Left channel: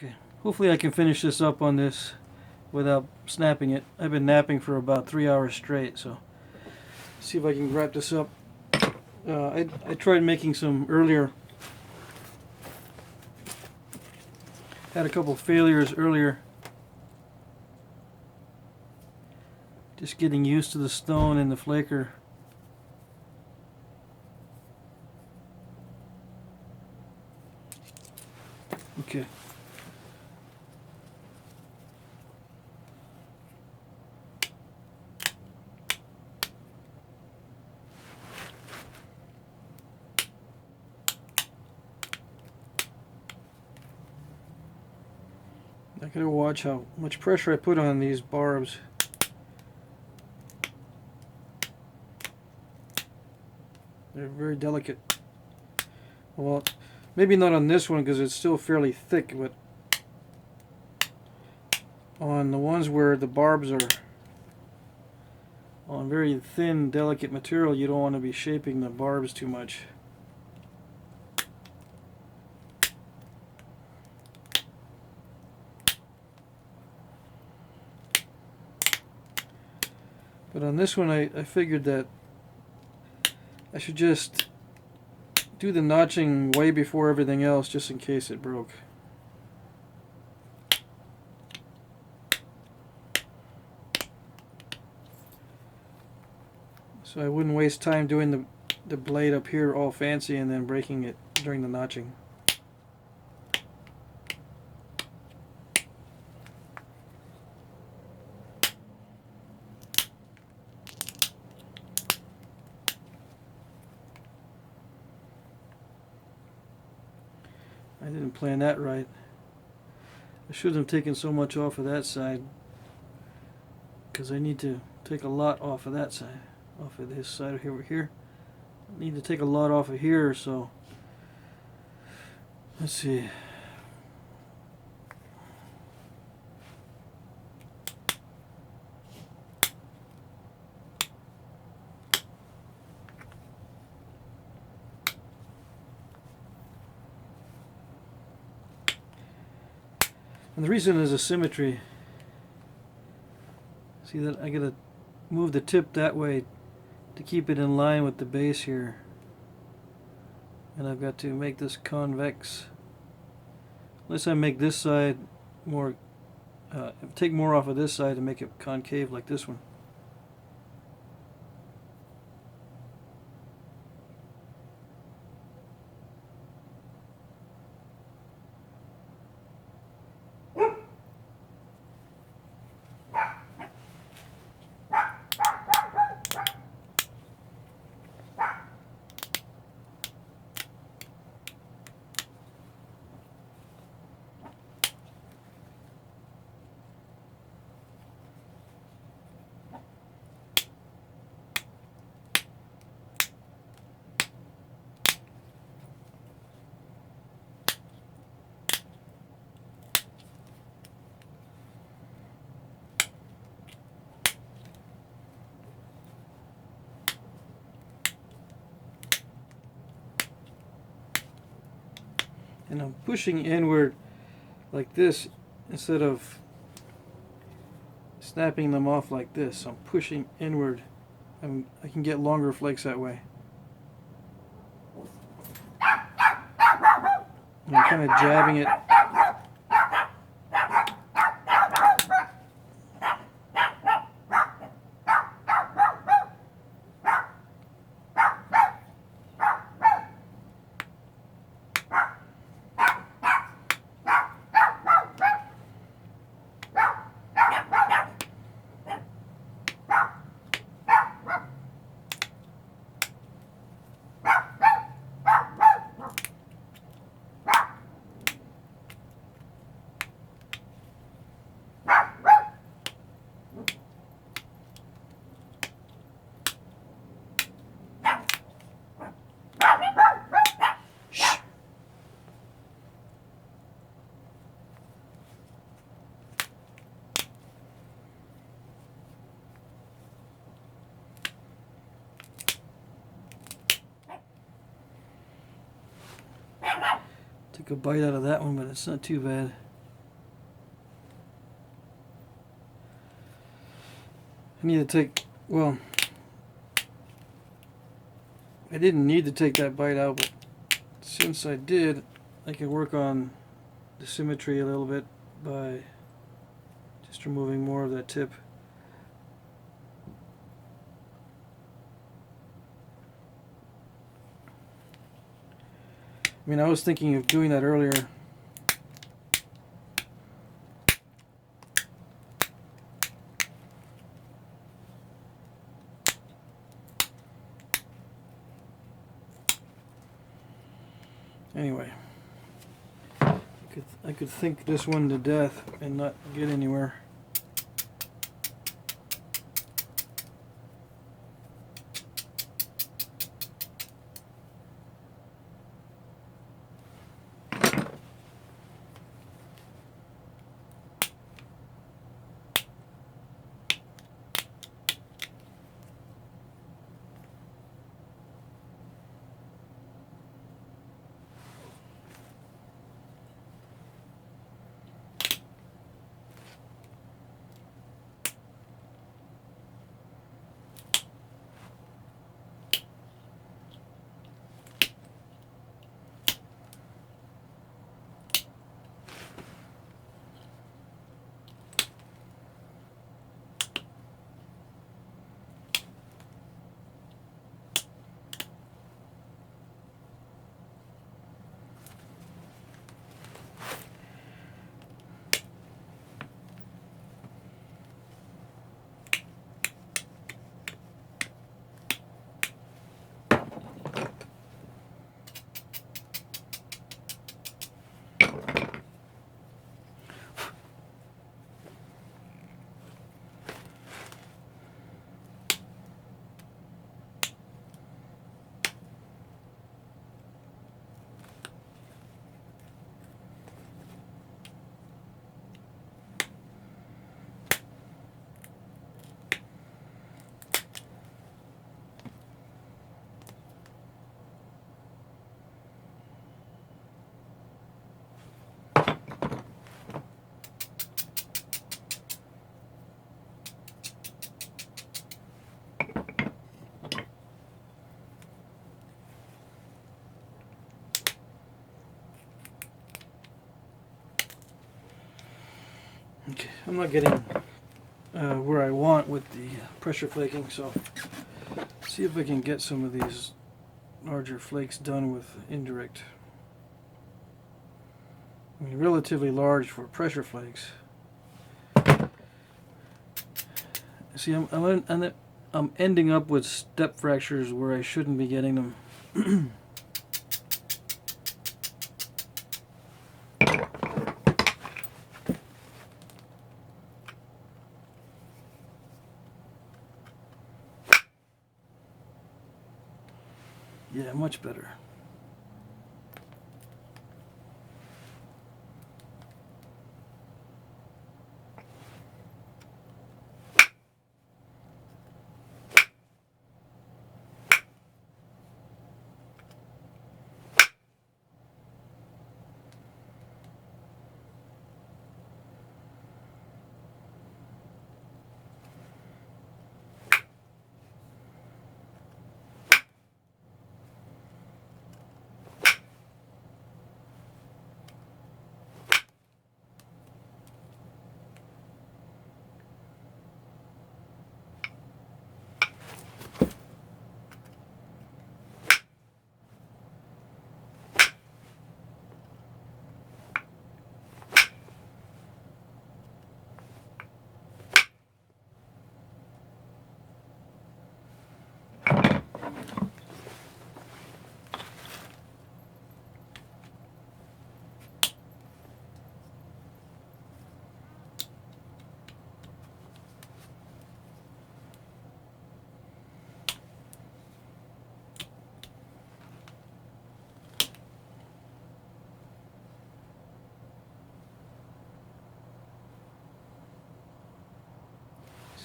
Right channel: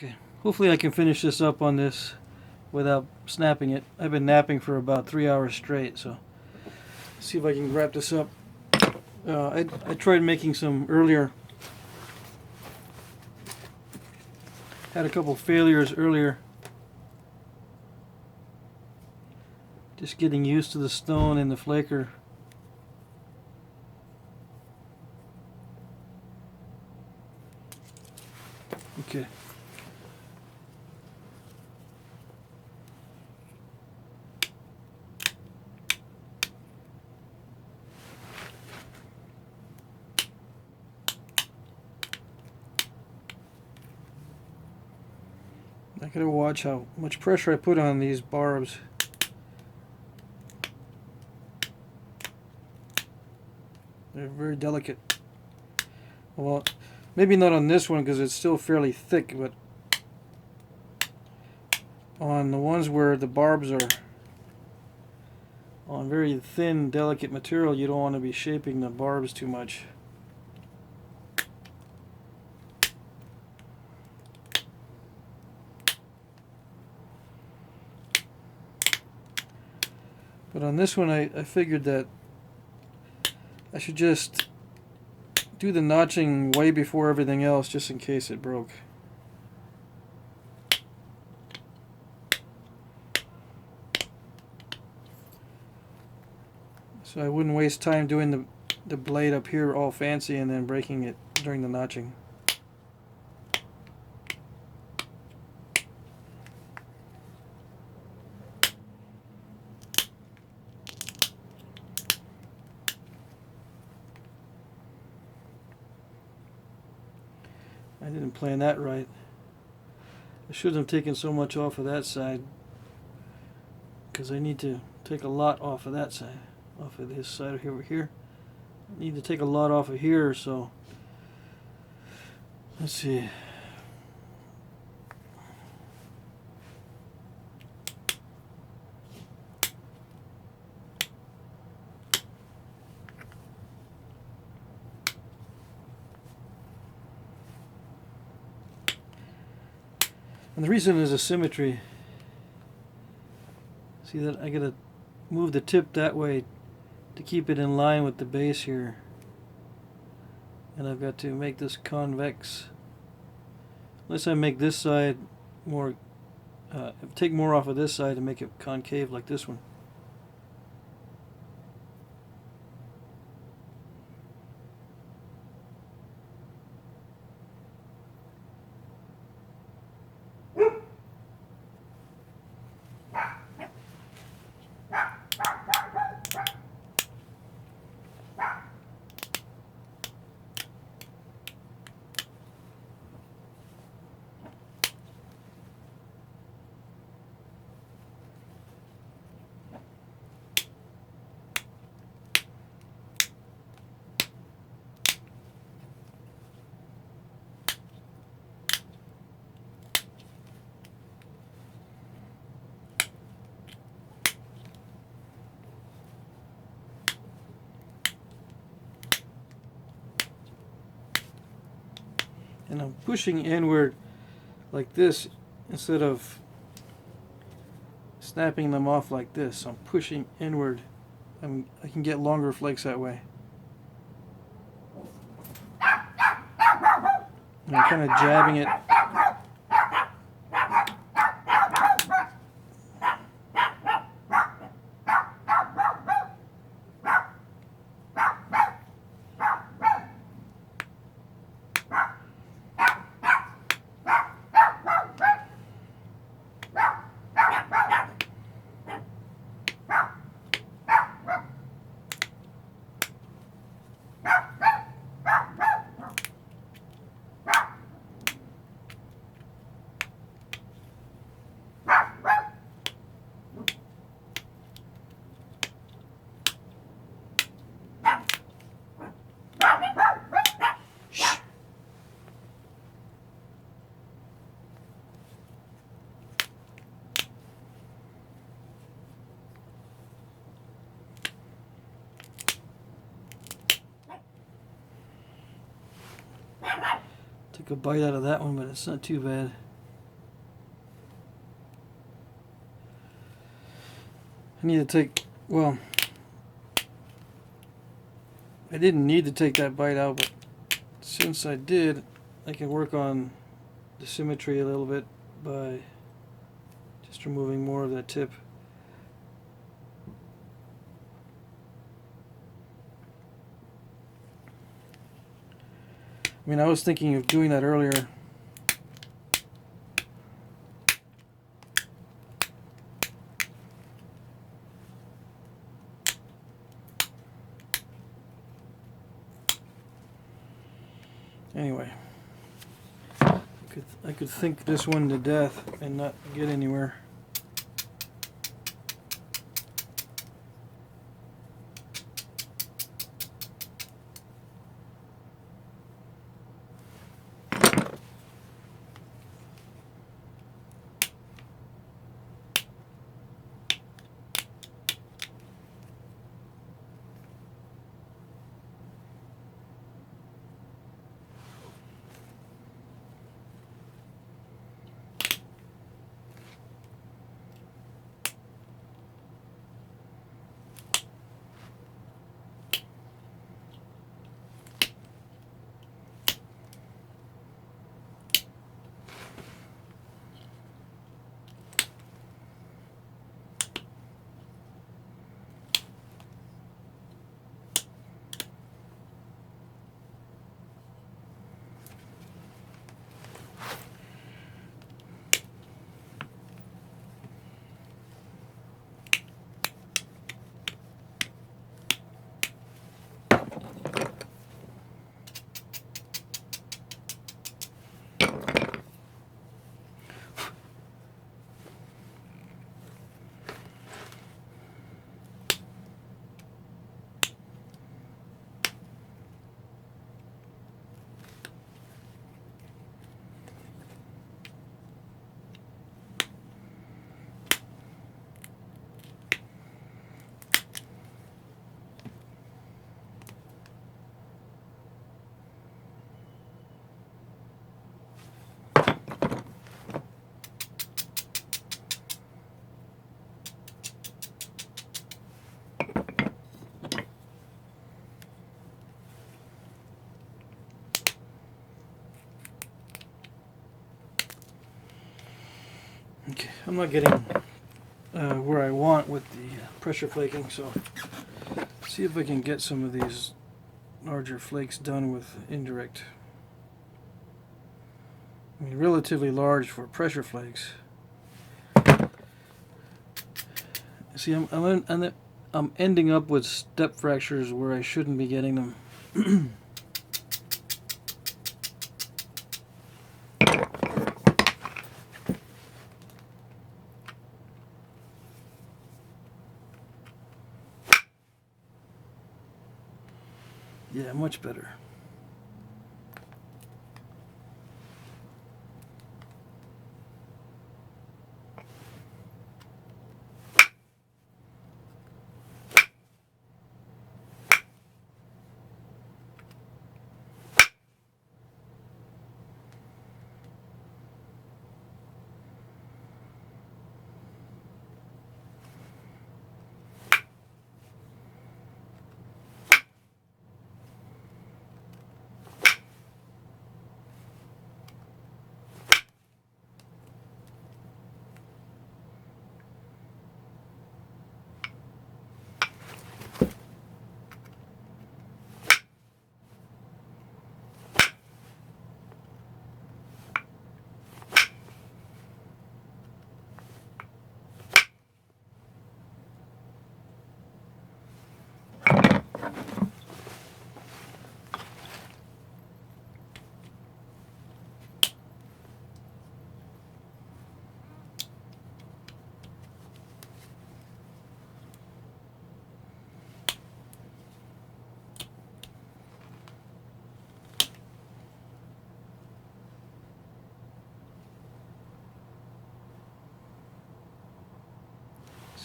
Okay, hopefully I can finish this up on this without snapping it. I've been napping for about 3 hours straight, so let's see if I can wrap this up. I tried making some earlier. Had a couple failures earlier. Just getting used to the stone and the flaker. Okay. I gotta watch how much pressure I put on these barbs. They're very delicate. Well, maybe not on this one because it's still fairly thick, but on the ones where the barbs are on very thin, delicate material, you don't want to be shaping the barbs too much. But on this one, I figured that I should just do the notching way before everything else, just in case it broke. So I wouldn't waste time doing the blade up here all fancy and then breaking it during the notching. I didn't plan that right. I shouldn't have taken so much off of that side, because I need to take a lot off of that side, off of this side over here. I need to take a lot off of here, so let's see. And the reason is asymmetry. See that I gotta move the tip that way to keep it in line with the base here. And I've got to make this convex. Unless I make this side more, take more off of this side to make it concave like this one. And I'm pushing inward like this instead of snapping them off like this. I'm pushing inward, and I can get longer flakes that way. And I'm kind of jabbing it. Took a bite out of that one, but it's not too bad. I need to take, well, I didn't need to take that bite out, but since I did, I can work on the symmetry a little bit by just removing more of that tip. I mean, I was thinking of doing that earlier. Anyway, I could think this one to death and not get anywhere. Okay, I'm not getting where I want with the pressure flaking, so see if I can get some of these larger flakes done with indirect. I mean, relatively large for pressure flakes. See, I'm ending up with step fractures where I shouldn't be getting them. Yeah, much better.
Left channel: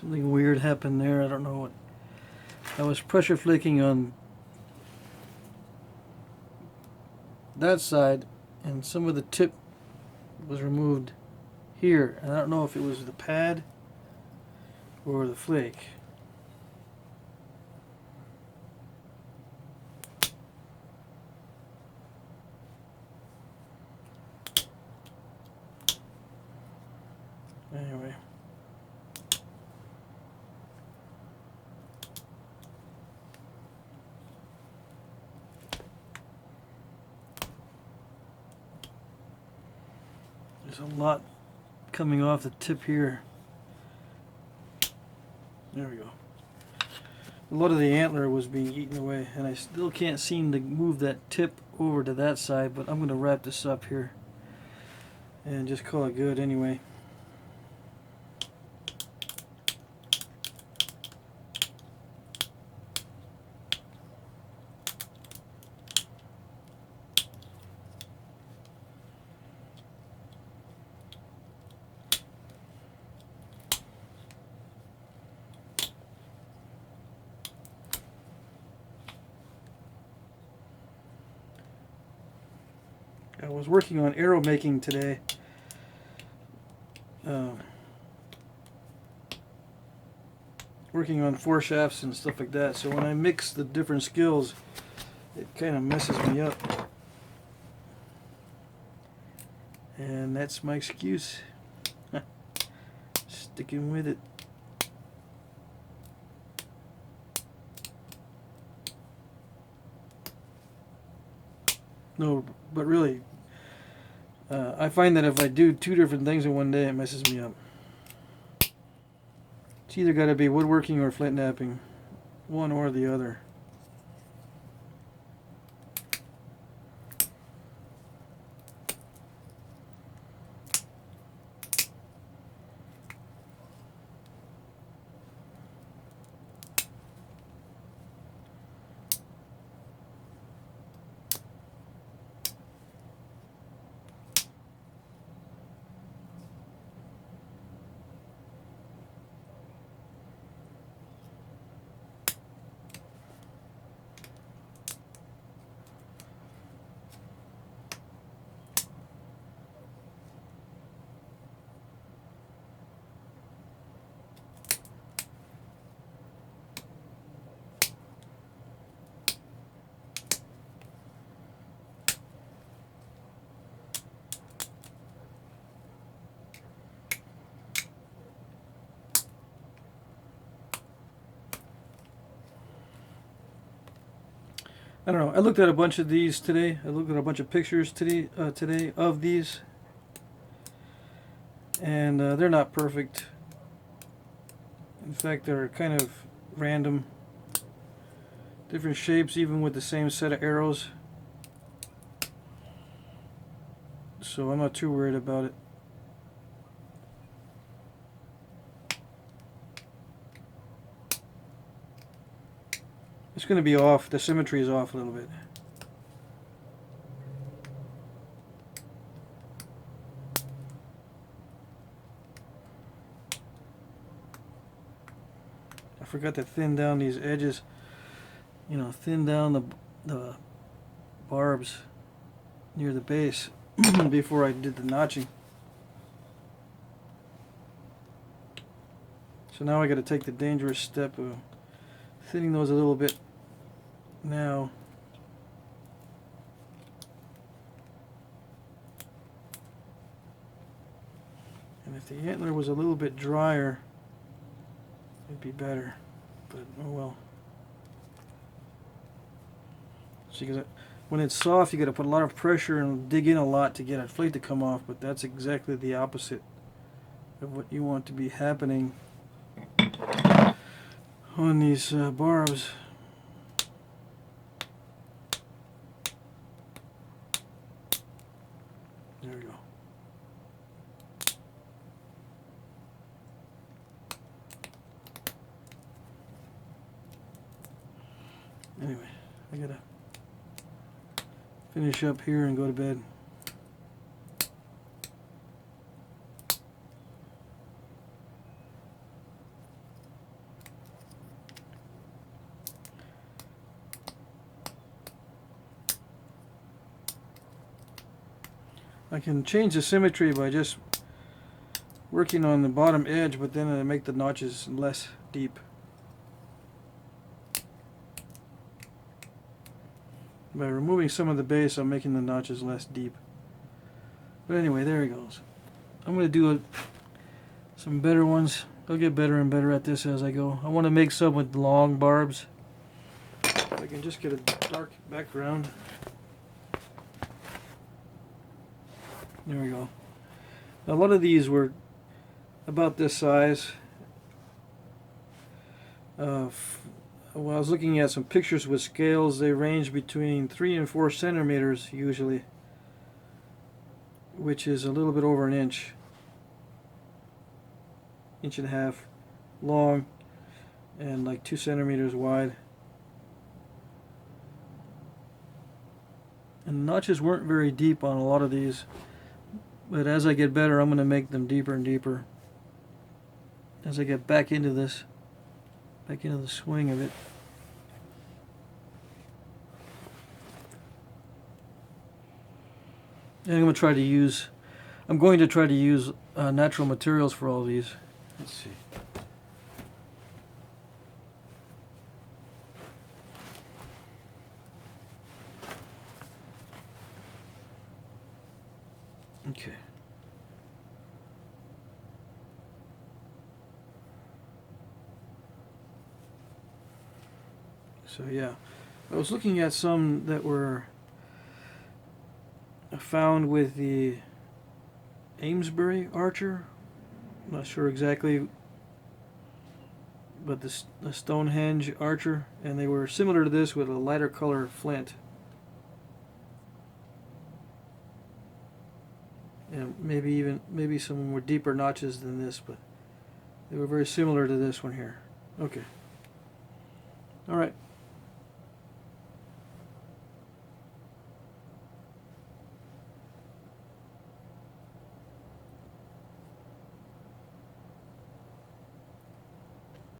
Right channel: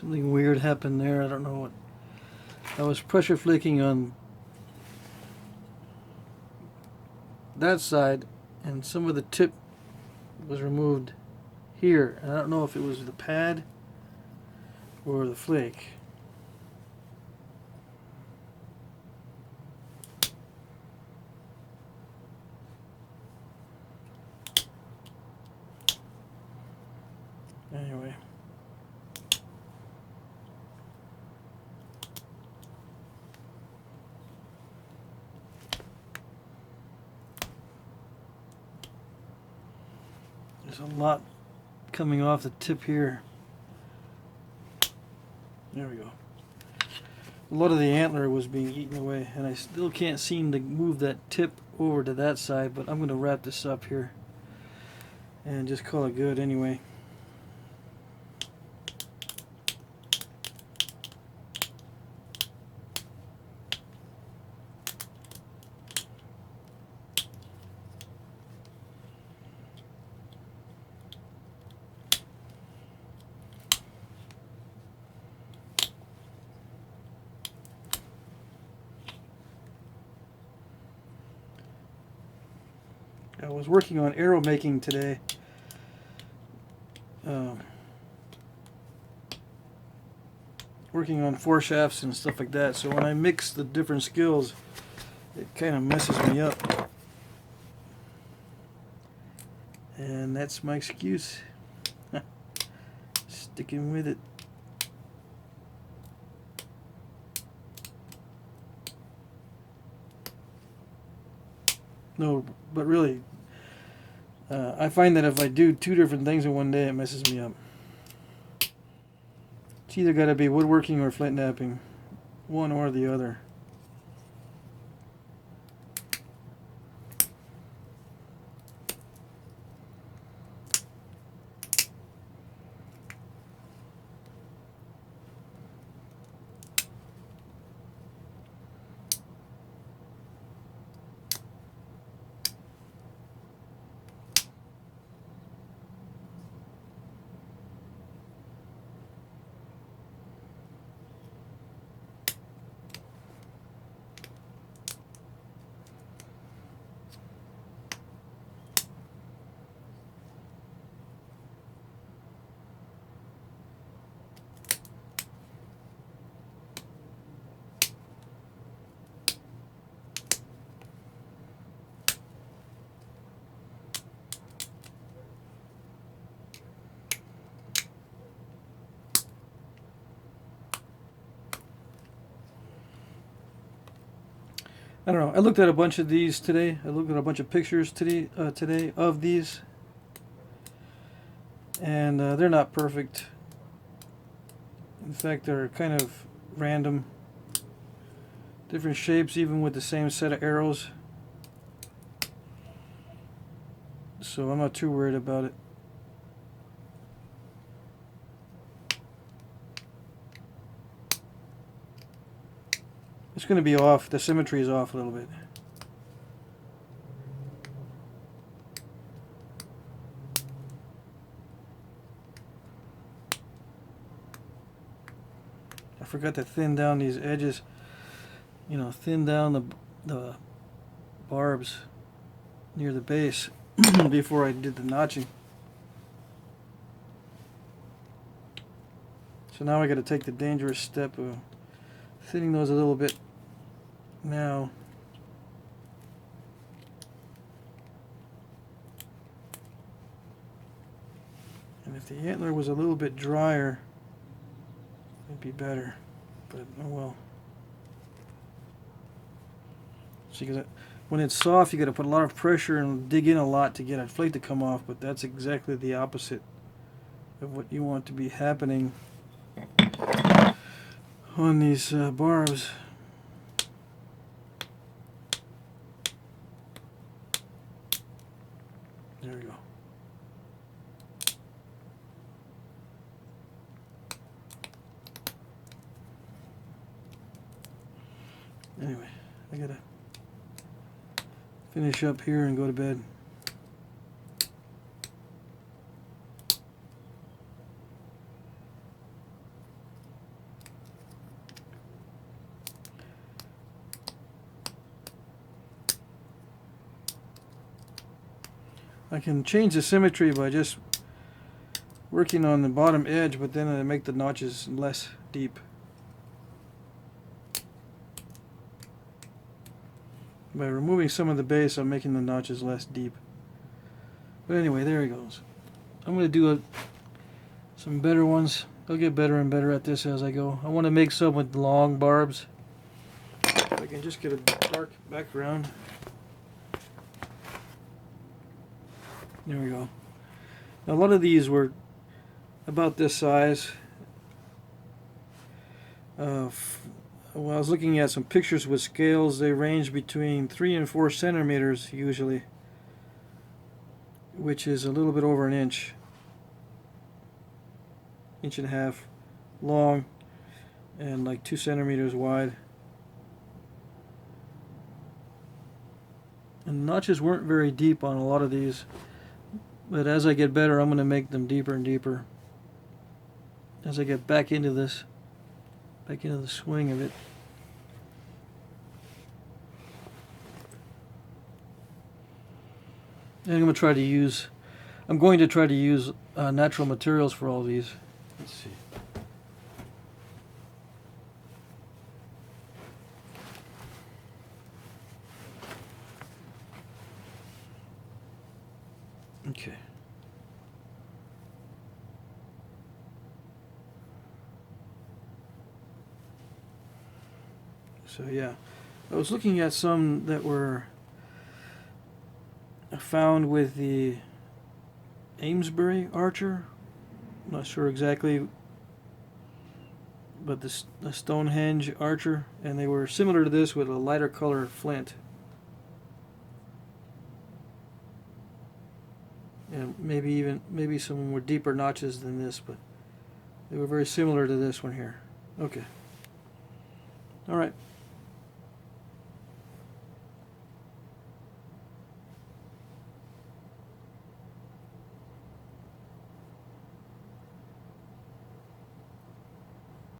Something weird happened there. I don't know what. I was pressure flaking on that side, and some of the tip was removed here. And I don't know if it was the pad or the flake. Anyway. There's a lot coming off the tip here. There we go. A lot of the antler was being eaten away, and I still can't seem to move that tip over to that side, but I'm going to wrap this up here and just call it good anyway. I was working on arrow making today. Working on foreshafts and stuff like that. So when I mix the different skills, it kind of messes me up. And that's my excuse. Sticking with it. No, but really, I find that if I do two different things in one day, it messes me up. It's either got to be woodworking or flint knapping, one or the other. I don't know. I looked at a bunch of these today. I looked at a bunch of pictures today of these, and they're not perfect. In fact, they're kind of random. Different shapes, even with the same set of arrows. So I'm not too worried about it. It's going to be off. The symmetry is off a little bit. I forgot to thin down these edges. You know, thin down the barbs near the base before I did the notching. So now I got to take the dangerous step of thinning those a little bit now. And if the antler was a little bit drier, it'd be better, but oh well. See, because when it's soft, you got to put a lot of pressure and dig in a lot to get a flake to come off, but that's exactly the opposite of what you want to be happening on these barbs. There we go. Anyway, I gotta finish up here and go to bed. I can change the symmetry by just working on the bottom edge, but then I make the notches less deep. By removing some of the base, I'm making the notches less deep. But anyway, there he goes. I'm going to do some better ones. I'll get better and better at this as I go. I want to make some with long barbs. If I can just get a dark background. There we go. Now, a lot of these were about this size. When I was looking at some pictures with scales, they range between 3 and 4 centimeters usually, which is a little bit over an inch. Inch and a half long and like 2 centimeters wide. And the notches weren't very deep on a lot of these, but as I get better, I'm going to make them deeper and deeper as I get back into this, back into the swing of it. And I'm going to try to use natural materials for all these. Let's see. Okay. So yeah, I was looking at some that were found with the Amesbury Archer. I'm not sure exactly, but the Stonehenge Archer, and they were similar to this with a lighter color flint. And maybe some were deeper notches than this, but they were very similar to this one here. Okay. All right.